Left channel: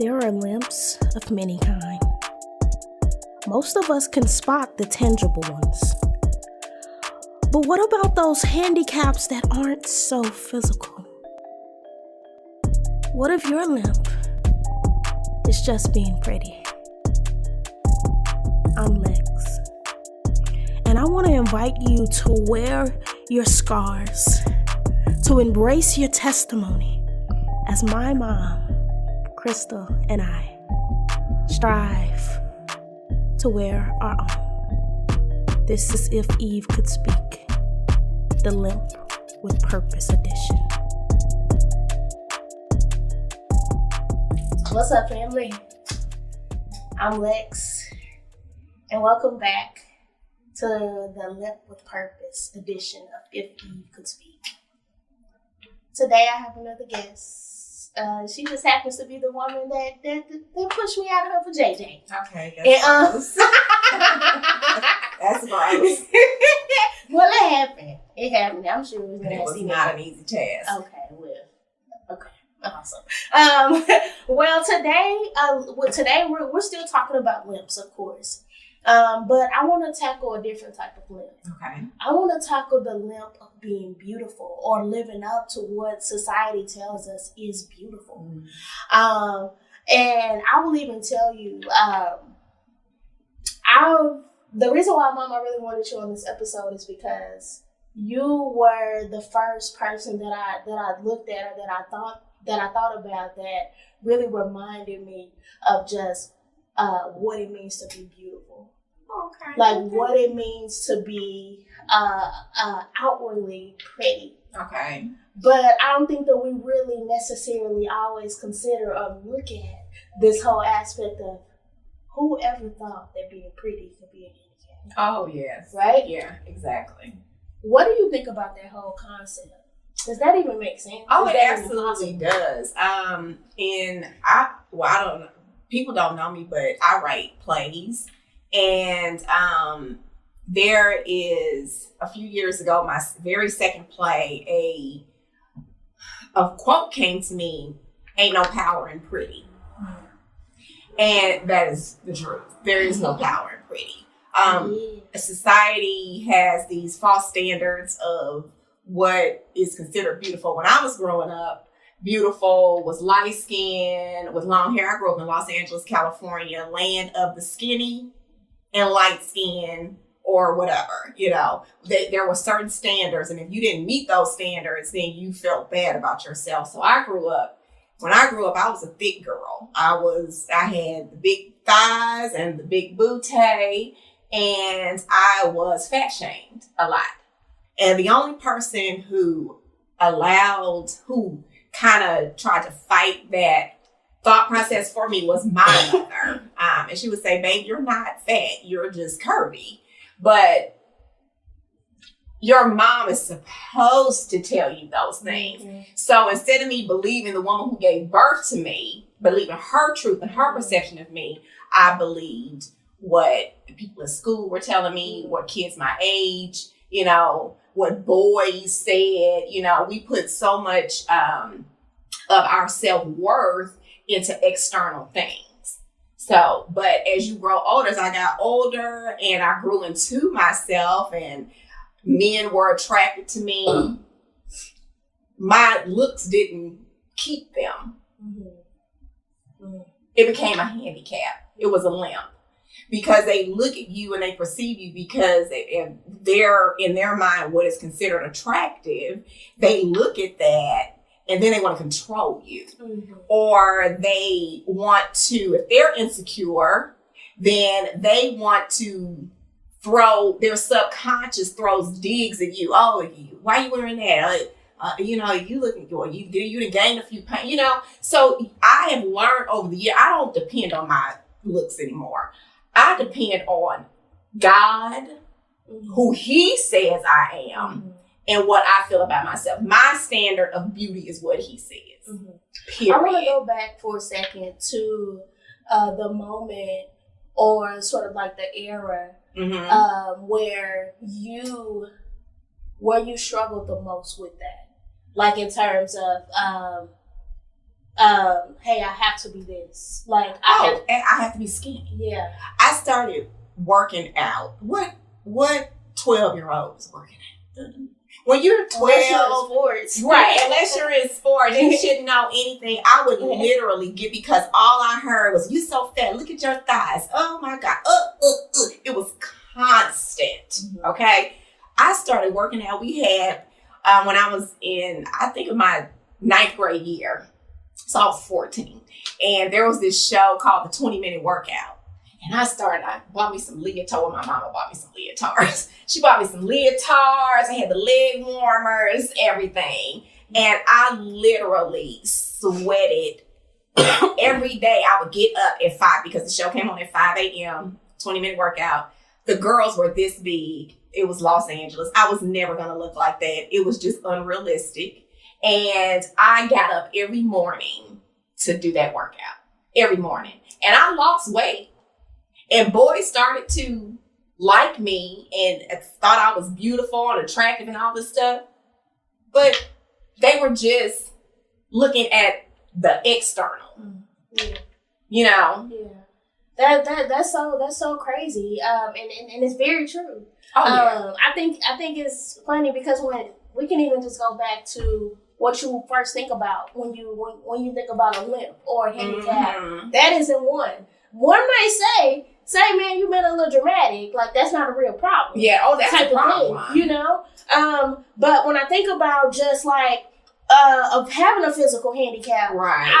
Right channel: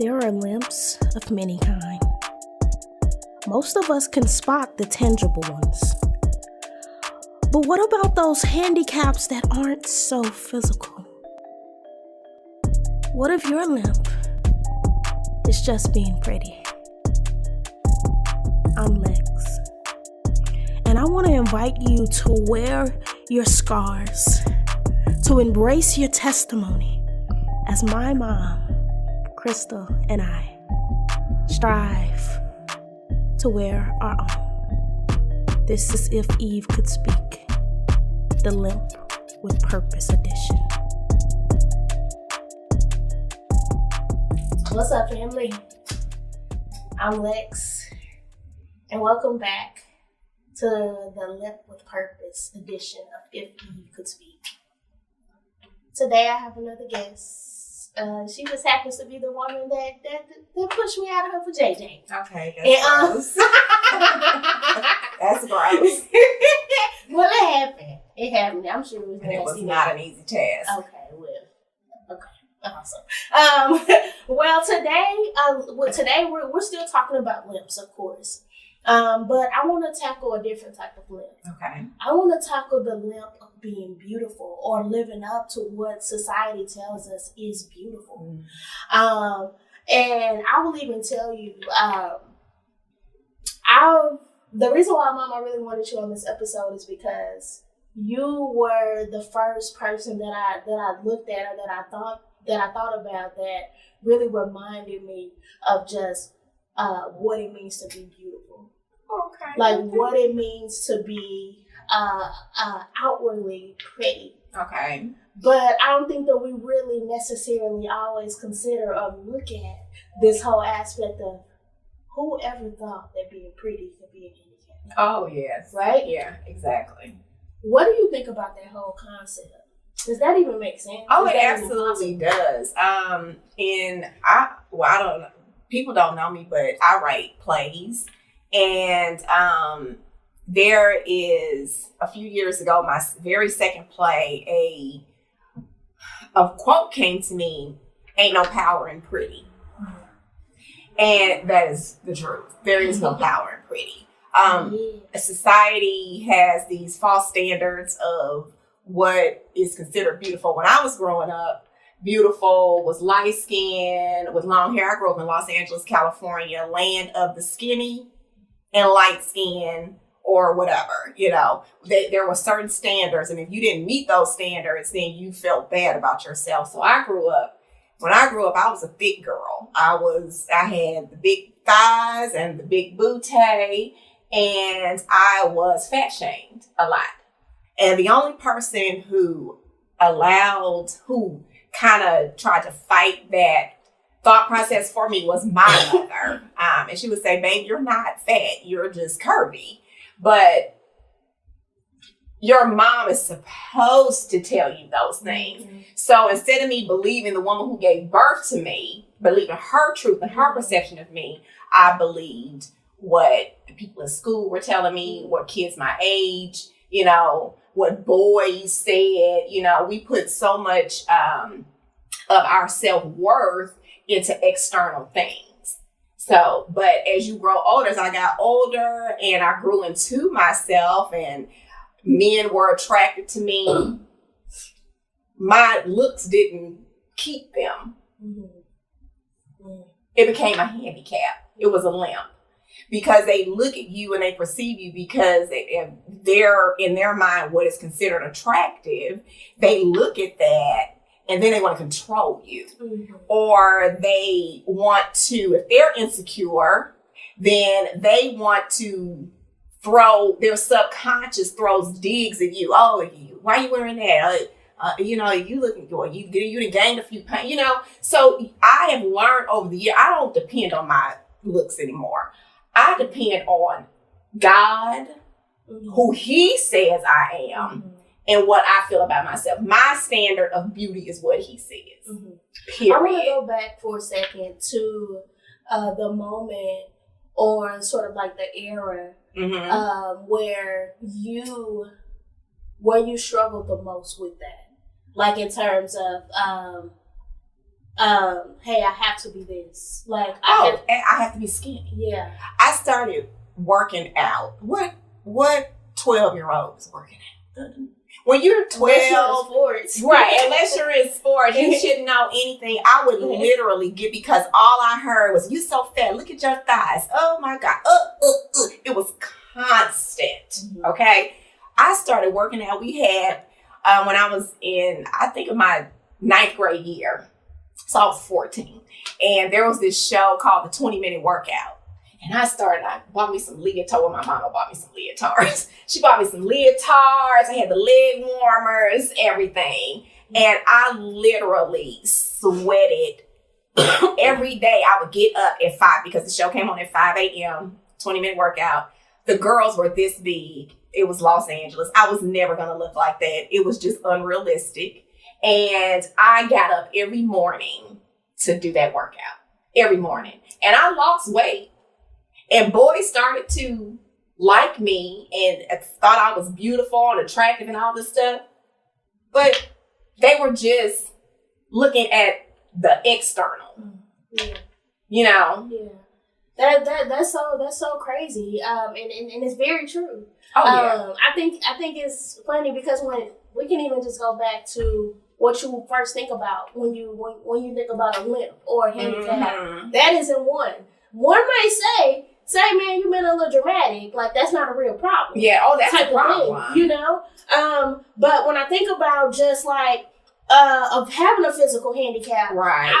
There are limps of many kind. Most of us can spot the tangible ones. But what about those handicaps that aren't so physical? What if your limp is just being pretty? I'm Lex, and I want to invite you to wear your scars, to embrace your testimony as my mom, Crystal, and I strive to wear our own. This is If Eve Could Speak, the Limp With Purpose edition. What's up, family? I'm Lex, and welcome back to the Limp With Purpose edition of If Eve Could Speak. Today I have another guest. She just happens to be the woman that pushed me out of her for JJ. Okay, that's gross. That's gross. Well, it happened. It happened. I'm sure it was not an easy task. Okay, awesome. Well, today we're still talking about limps, of course. But I want to tackle a different type of limp. Okay. I want to tackle the limp of being beautiful or living up to what society tells us is beautiful. And I will even tell you, the reason why, Mom, I really wanted you on this episode is because you were the first person that I looked at or that I thought about that really reminded me of just what it means to be beautiful. Okay. Like what it means to be outwardly pretty. Okay. But I don't think that we really necessarily always consider or look at this whole aspect of who ever thought that being pretty could be a handicap. Oh, yes. Right? Yeah, exactly. What do you think about that whole concept? Does that even make sense? Oh, it absolutely does. I don't know. People don't know me, but I write plays. And there is, a few years ago, my very second play, a quote came to me, "Ain't no power in pretty." And that is the truth. There is no power in pretty. Society has these false standards of what is considered beautiful. When I was growing up, beautiful was light skin with long hair. I grew up in Los Angeles, California, land of the skinny and light skin or whatever. You know, there were certain standards, and if you didn't meet those standards, then you felt bad about yourself. So when I grew up, I was a thick girl. I had the big thighs and the big booty, and I was fat shamed a lot. And the only person who kind of tried to fight that thought process for me was my mother. And she would say, "Babe, you're not fat. You're just curvy." But your mom is supposed to tell you those things. Mm-hmm. So instead of me believing the woman who gave birth to me, believing her truth and her perception of me, I believed what the people in school were telling me, what kids my age, what boys said. We put so much of our self-worth into external things. So, but as you grow older, as I got older and I grew into myself and men were attracted to me, my looks didn't keep them. Mm-hmm. It became a handicap. It was a limp. Because they look at you and they perceive you because they're in their mind what is considered attractive. They look at that and then they want to control you. Mm-hmm. Or they want to, if they're insecure, then they want to their subconscious throws digs at you. "Oh, why are you wearing that? You looking good. You done gained a few pounds, So I have learned over the year, I don't depend on my looks anymore. I depend on God, mm-hmm. who He says I am, mm-hmm. and what I feel about myself. My standard of beauty is what He says. Mm-hmm. Period. I want to go back for a second to the moment or sort of like the era mm-hmm. Where you struggled the most with that. Like in terms of hey, I have to be this. Like, and I have to be skinny. Yeah. I started working out. What 12-year-old is working out? When you're 12, unless you're in sports. Right, unless you're in sports, you shouldn't know anything. I would literally because all I heard was, you so fat, look at your thighs. Oh my God. It was constant. Okay. I started working out. We had, when I was in, I think of my 9th grade year. So I was 14. And there was this show called the 20-Minute Workout. And I bought me some leotards. My mama bought me some leotards. She bought me some leotards. I had the leg warmers, everything. And I literally sweated every day. I would get up at 5 because the show came on at 5 a.m., 20-minute workout. The girls were this big. It was Los Angeles. I was never going to look like that. It was just unrealistic. And I got up every morning to do that workout. Every morning. And I lost weight. And boys started to like me and thought I was beautiful and attractive and all this stuff. But they were just looking at the external. Yeah. You know? Yeah. That's so crazy. And it's very true. Oh yeah. I think it's funny because when we can even just go back to what you first think about when you think about a limp or a handicap. That isn't one. One might say, man, you been a little dramatic. Like, that's not a real problem. Yeah, that's type a problem. Of thing, you know? But when I think about just like of having a physical handicap, right?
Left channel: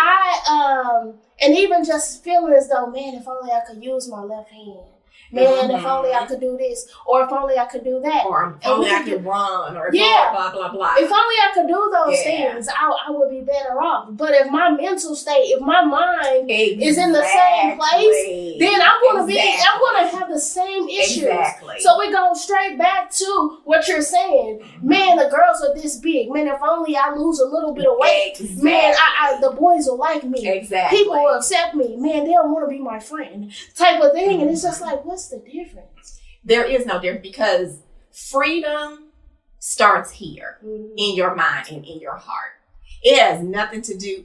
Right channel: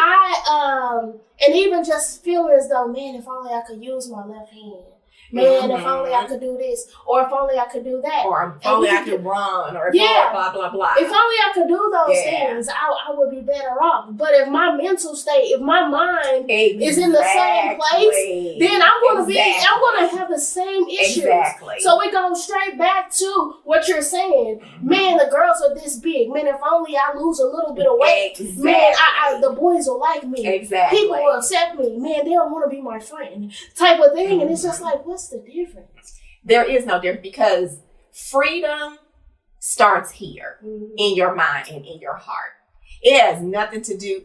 And even just feeling as though, man, if only I could use my left hand. Man, if only I could do this, or if only I could do that, or if only I could run, or if blah blah blah. If only I could do those things, I would be better off. But if my mental state, if my mind is in the same place, then I'm gonna have the same issues. Exactly. So we go straight back to what you're saying. Man, the girls are this big. Man, if only I lose a little bit of weight, man, the boys will like me. Exactly. People will accept me. Man, they'll want to be my friend, type of thing. And it's just like, what's the difference? There is no difference because freedom starts here in your mind and in your heart. It has nothing to do.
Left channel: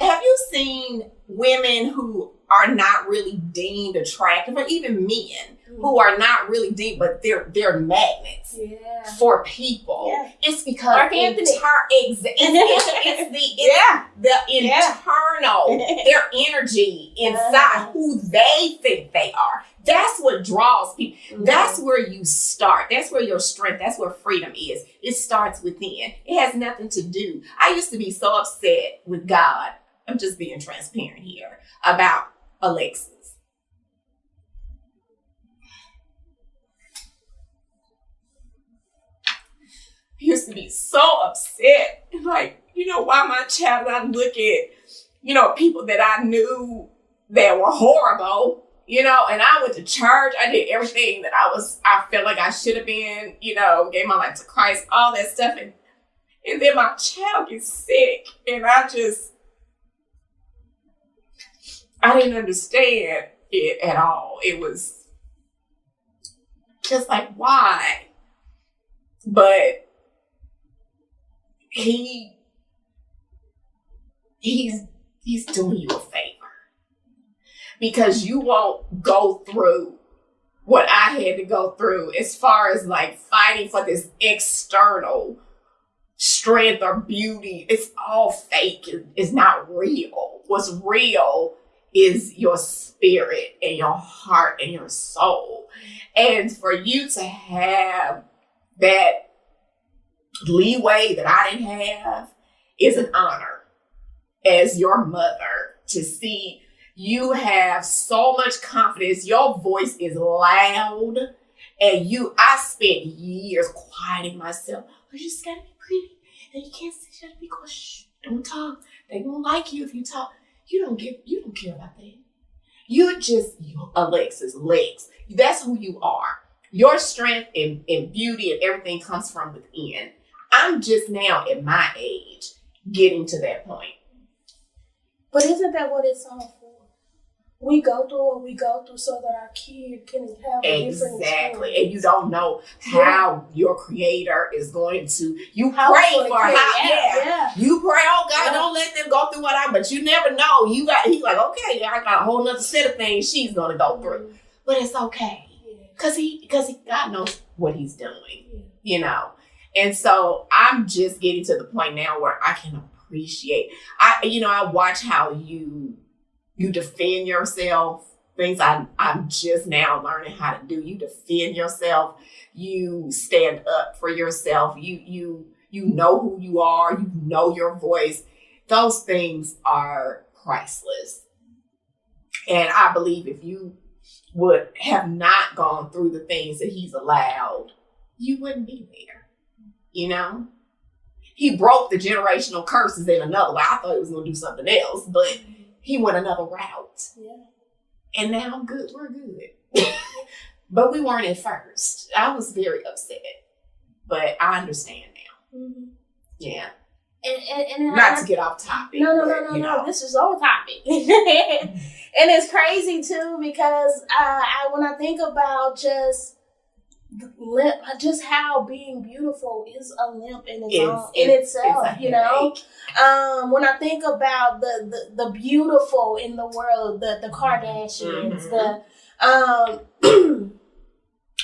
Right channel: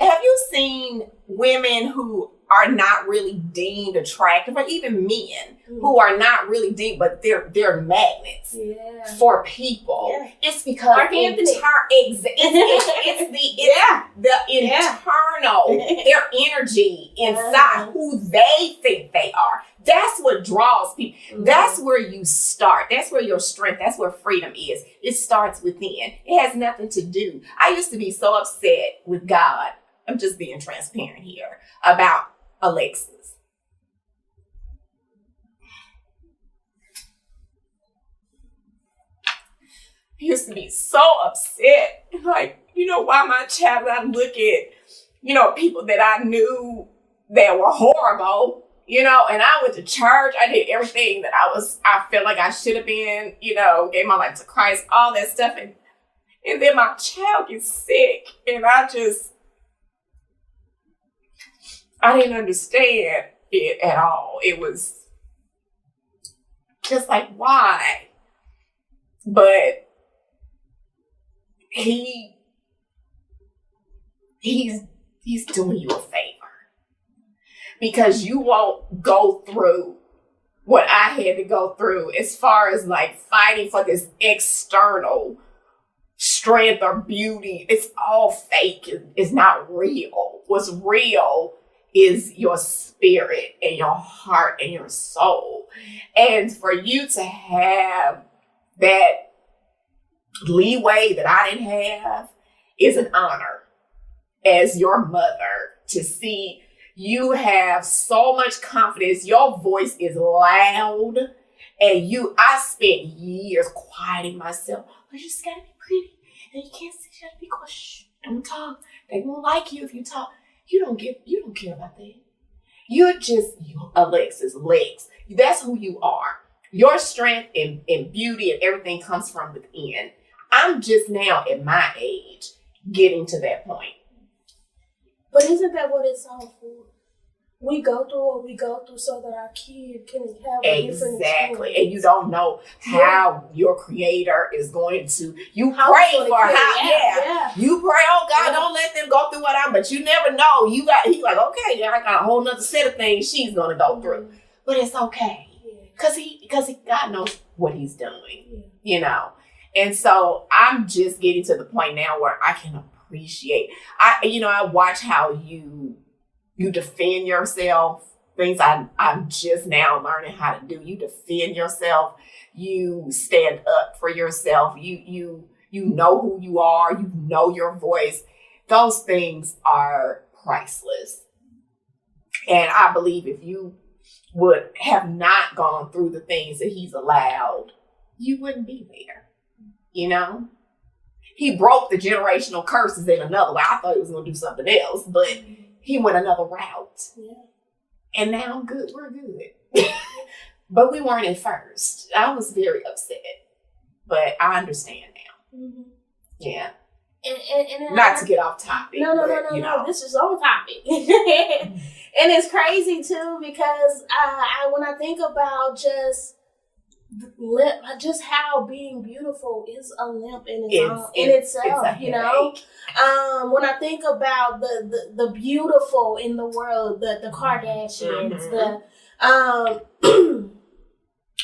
Have you seen women who are not really deemed attractive, or even men who are not really deemed, but they're magnets for people? Yeah. It's because it's the internal, their energy inside, who they think they are. That's what draws people. That's where you start. That's where your strength, that's where freedom is. It starts within. It has nothing to do. I used to be so upset with God. I'm just being transparent here about Alexis. I used to be so upset. Like, why my child, I look at, people that I knew that were horrible. And I went to church. I did everything that I felt like I should have been, gave my life to Christ, all that stuff. And then my child gets sick. And I didn't understand it at all. It was just like, why? But he's doing you a favor. Because you won't go through what I had to go through as far as like fighting for this external strength or beauty. It's all fake. It's not real. What's real is your spirit and your heart and your soul. And for you to have that leeway that I didn't have is an honor as your mother, to see you have so much confidence. Your voice is loud. And I spent years quieting myself. You just gotta be pretty. And you can't sit there and be quiet. Shh, don't talk. They won't like you if you talk. You don't care about that. You're just Alexis Lex. That's who you are. Your strength and beauty and everything comes from within. I'm just now at my age getting to that point. But isn't that what it's all for? we go through what we go through so that our kid can have a different Exactly. experience. And you don't know how your creator is going to, you How pray it's gonna for carry how, out. yeah. You pray, oh God, Yeah. don't let them go through what but you never know. He's like, okay, I got a whole nother set of things she's going to go through. But it's okay. Because God knows what he's doing, you know. And so I'm just getting to the point now where I can appreciate, I watch how you defend yourself. Things I'm just now learning how to do. You defend yourself. You stand up for yourself. You know who you are. You know your voice. Those things are priceless. And I believe if you would have not gone through the things that he's allowed, you wouldn't be there. You know? He broke the generational curses in another way. I thought he was going to do something else, but he went another route. Yeah. And now I'm good. We're good. But we weren't at first. I was very upset. But I understand now. Mm-hmm. Yeah. And not to get off topic. No. This is on topic. And it's crazy too because when I think about just how being beautiful is a limp in itself, you know. When I think about the beautiful in the world, the Kardashians,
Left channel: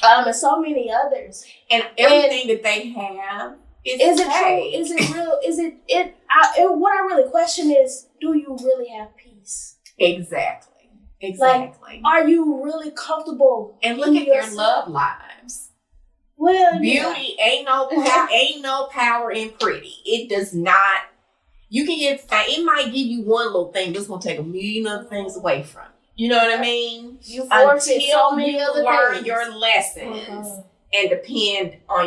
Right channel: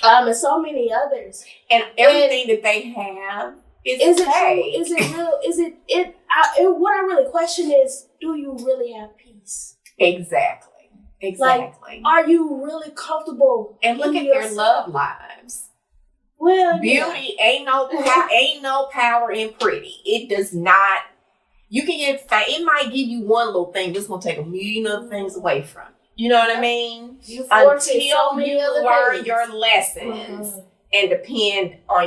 and so many others, and everything that they have is it true? Is it real? Is it? What I really question is, do you really have peace? Exactly. Like, are you really comfortable? And look at their love lives. Well, beauty ain't no power in pretty. It does not. You can get. It might give you one little thing. This gonna take a million other things away from you. You know what I mean? Until you learn your lessons and depend on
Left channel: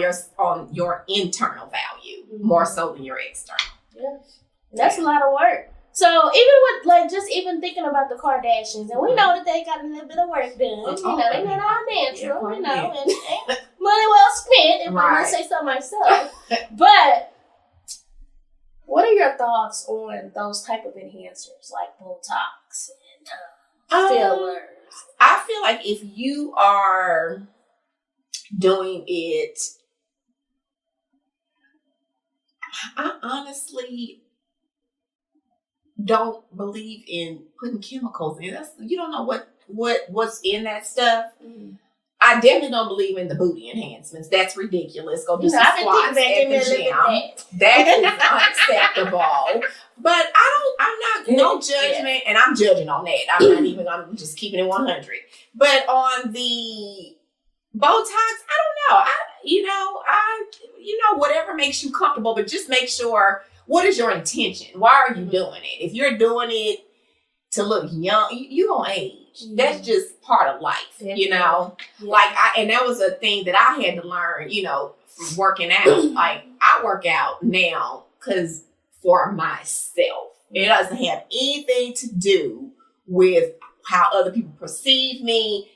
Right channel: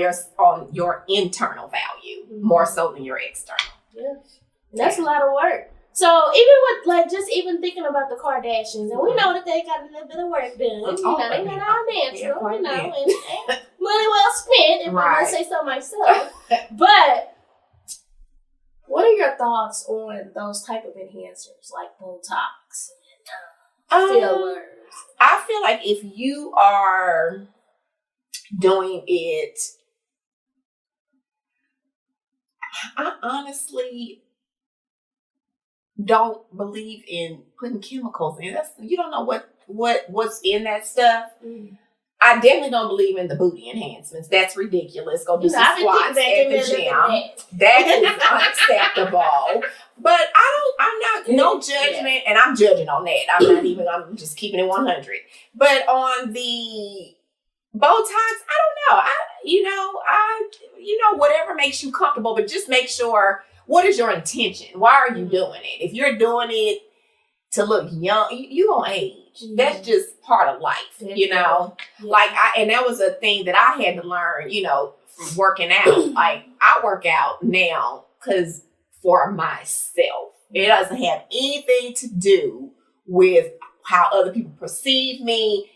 your internal value more so than your external. Yeah, that's a lot of work. So even with even thinking about the Kardashians, and we know that they got a little bit of work done. They're not all natural, and money well spent, if I must say so myself. But what are your thoughts on those type of enhancers like Botox and fillers? I feel like if you are doing it, I honestly don't believe in putting chemicals in. You don't know what's in that stuff. I definitely don't believe in the booty enhancements. That's ridiculous. Go do some squats at the gym. That is unacceptable. But I'm not, no judgment, and I'm judging on that. I'm just keeping it 100. But on the Botox, I don't know. Whatever makes you comfortable, but just make sure, what is your intention? Why are you doing it? If you're doing it to look young, you gonna age. That's just part of life, you know? Yeah. And that was a thing that I had to learn, from working out. Like, I work out now for myself. It doesn't have anything to do with how other people perceive me.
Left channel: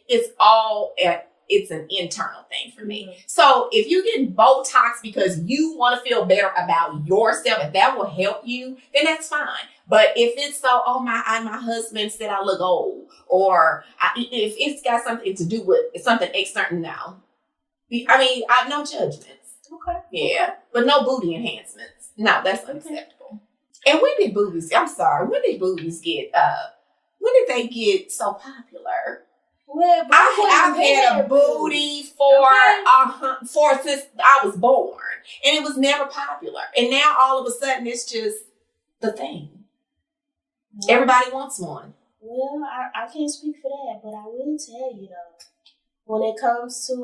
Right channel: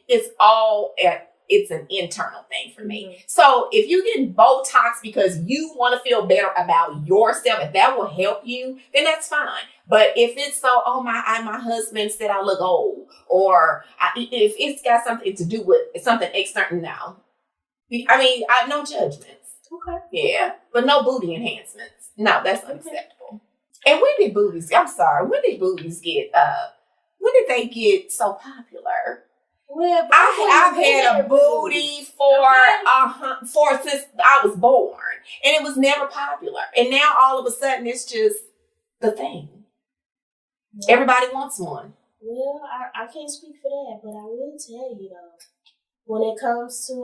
It's an internal thing for me. So if you get Botox because you want to feel better about yourself, if that will help you, then that's fine. But if it's my husband said I look old, or if it's got something to do with something external, no. I have no judgments. Okay. Yeah. Okay. But no booty enhancements. No, that's unacceptable. And when did booties get, when did they get so popular? Well, I've had a booty since I was born, and it was never popular. And now all of a sudden, it's just the thing. Yeah. Everybody wants one. Well, I can't speak for that, but I will tell you though, when it comes to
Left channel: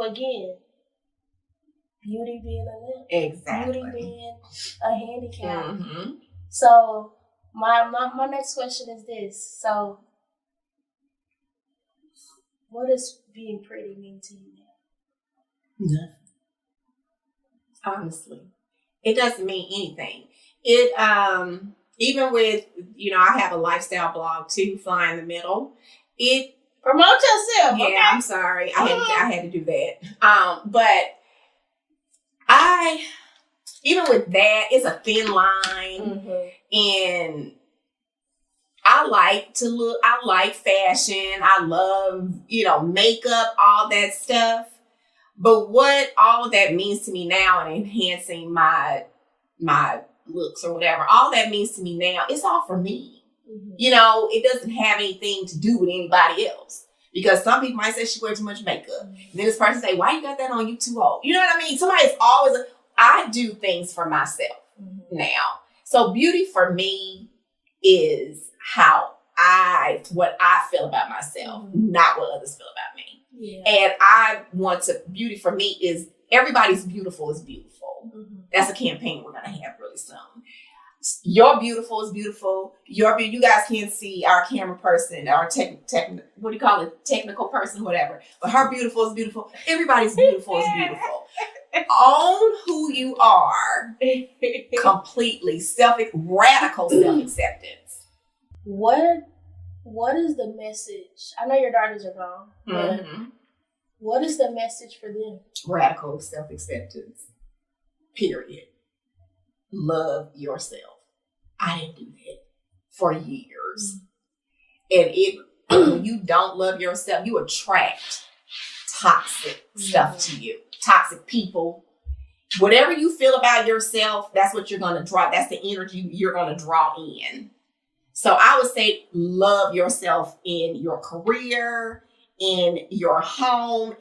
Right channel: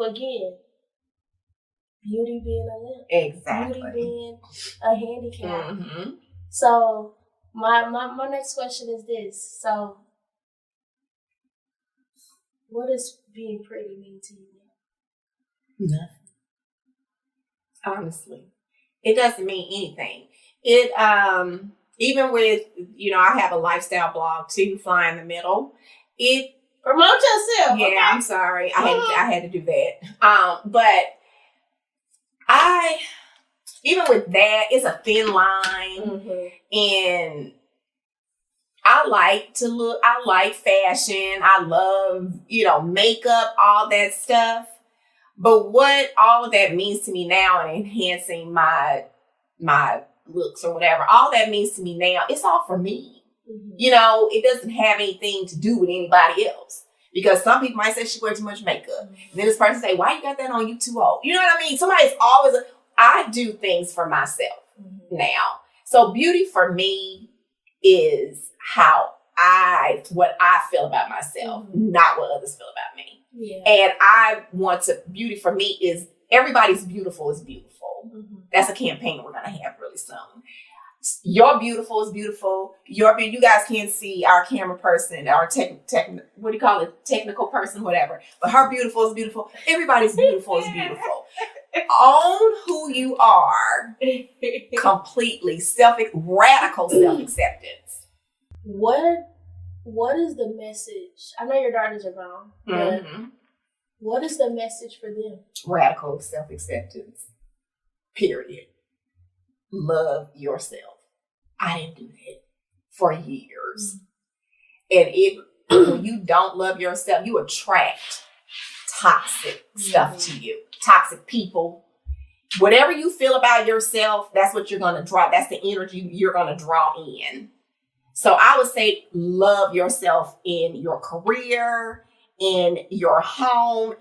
beauty being a limp, exactly, beauty being a handicap. Mm-hmm. So my next question is this: so, what does being pretty mean to you now? Nothing. Honestly, it doesn't mean anything. It even with I have a lifestyle blog too, Fly in the Middle. It promote yourself. Yeah, okay. I'm sorry, I had to do that. But I even with that, it's a thin line, and I like to look, I like fashion. I love, makeup, all that stuff. But what all of that means to me now and enhancing my looks or whatever, all that means to me now, it's all for me. Mm-hmm. It doesn't have anything to do with anybody else. Because some people might say she wears too much makeup. Mm-hmm. And then this person say, why you got that on? You too old. You know what I mean? Somebody's always, I do things for myself now. So beauty for me is what I feel about myself, not what others feel about me. Yeah. And beauty for me is everybody's beautiful is beautiful. Mm-hmm. That's a campaign we're going to have really soon. Your beautiful is beautiful. You guys can't see our camera person, our technical person, whatever. But her beautiful is beautiful. Everybody's beautiful is beautiful. Own who you are completely. Radical self-acceptance. What is the message? I know your daughters are grown, but what is the message for them? Radical self-acceptance. Period. Love yourself. I didn't do that for years. And when you don't love yourself, you attract toxic stuff to you. Toxic people. Whatever you feel about yourself, that's what you're going to draw. That's the energy you're going to draw in. So I would say love yourself in your career, in your home,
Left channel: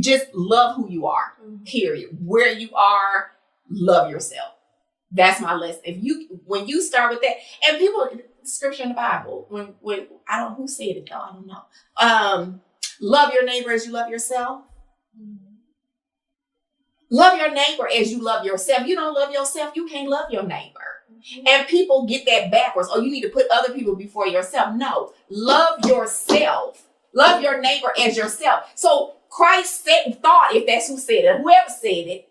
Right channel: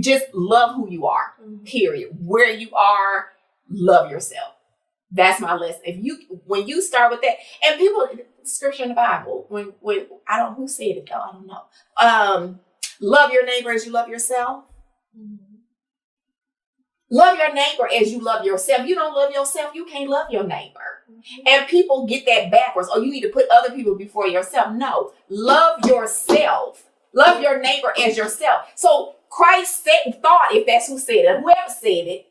just love who you are, period. Where you are, love yourself. That's my lesson. When you start with that, and people, scripture in the Bible, when I don't know who said it though, I don't know. Love your neighbor as you love yourself. Love your neighbor as you love yourself. You don't love yourself, you can't love your neighbor. And people get that backwards. Oh, you need to put other people before yourself. No, love yourself. Love your neighbor as yourself. So Christ thought, if that's who said it, whoever said it,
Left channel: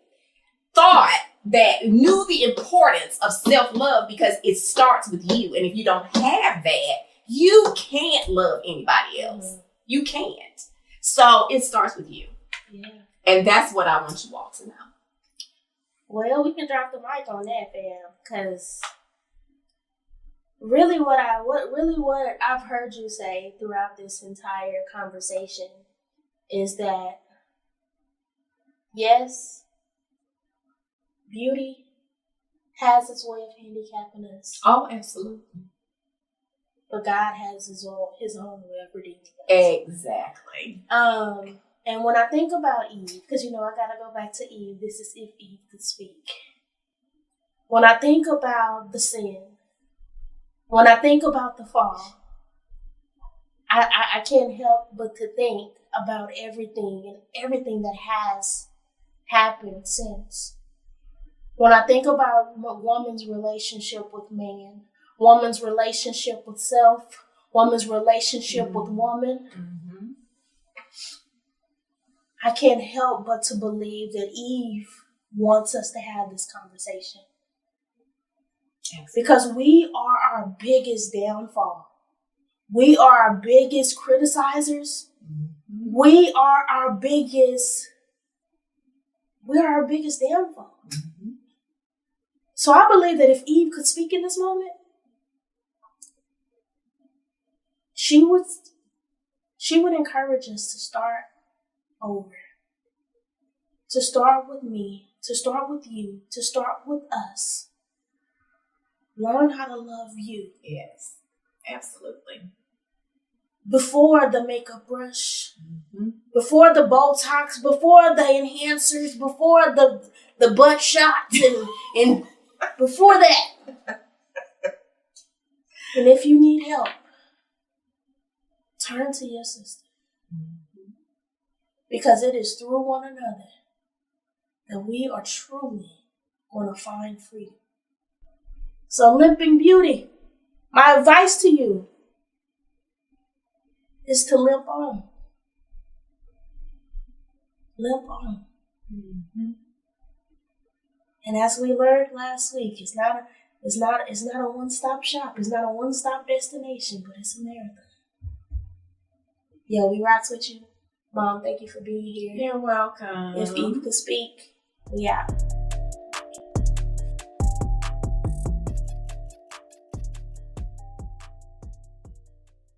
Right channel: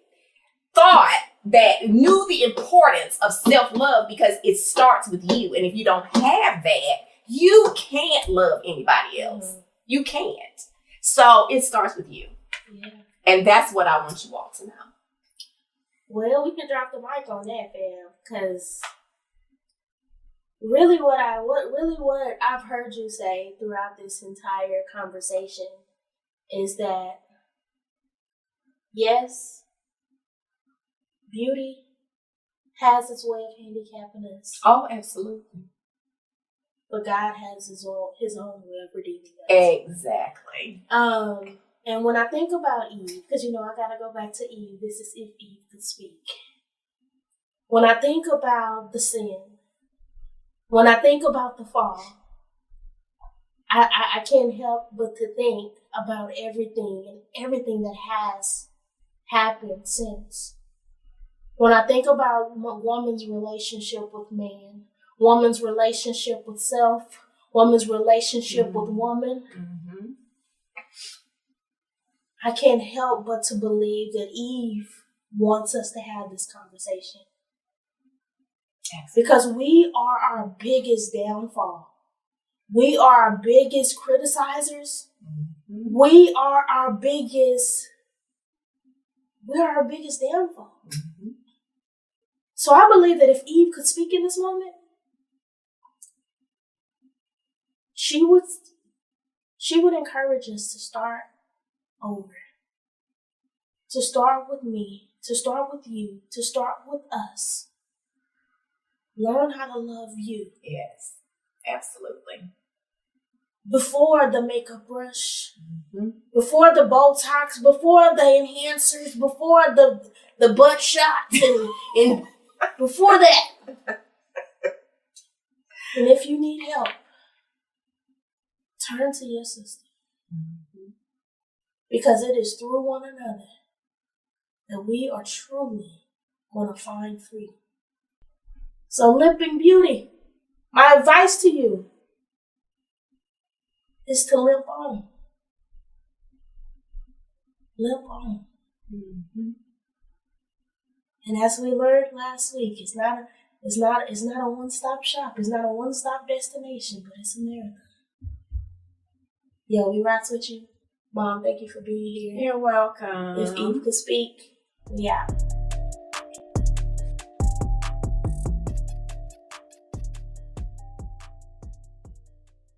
knew the importance of self-love because it starts with you. And if you don't have that, you can't love anybody else. You can't. So it starts with you. Yeah. And that's what I want you all to know. Well, we can drop the mic on that, fam, because really what I've heard you say throughout this entire conversation is that, yes, beauty has its way of handicapping us. Oh, absolutely. But God has his own way of redeeming us. Exactly. And when I think about Eve, because, I got to go back to Eve. This is if Eve could speak. When I think about the sin, when I think about the fall, I can't help but to think about everything that has happened since. When I think about woman's relationship with man, woman's relationship with self, woman's relationship with woman, I can't help but to believe that Eve wants us to have this conversation. Because we are our biggest downfall. We are our biggest criticizers. We are our biggest downfall. So I believe that if Eve could speak in this moment, she would encourage us to start over. To start with me, to start with you, to start with us. Learn how to love you. Yes, absolutely. Before the makeup brush, before the Botox, before the enhancers, before the butt shots, and before that. And if you need help, turn to your sister. Because it is through one another that we are truly going to find freedom. So, Limping Beauty, my advice to you is to limp on. Limp on. And as we learned last week, it's not a one-stop shop. It's not a one-stop destination, but it's a marathon. Yo, we rocks with you. Mom, thank you for being here. You're welcome. If Eve could speak, we out.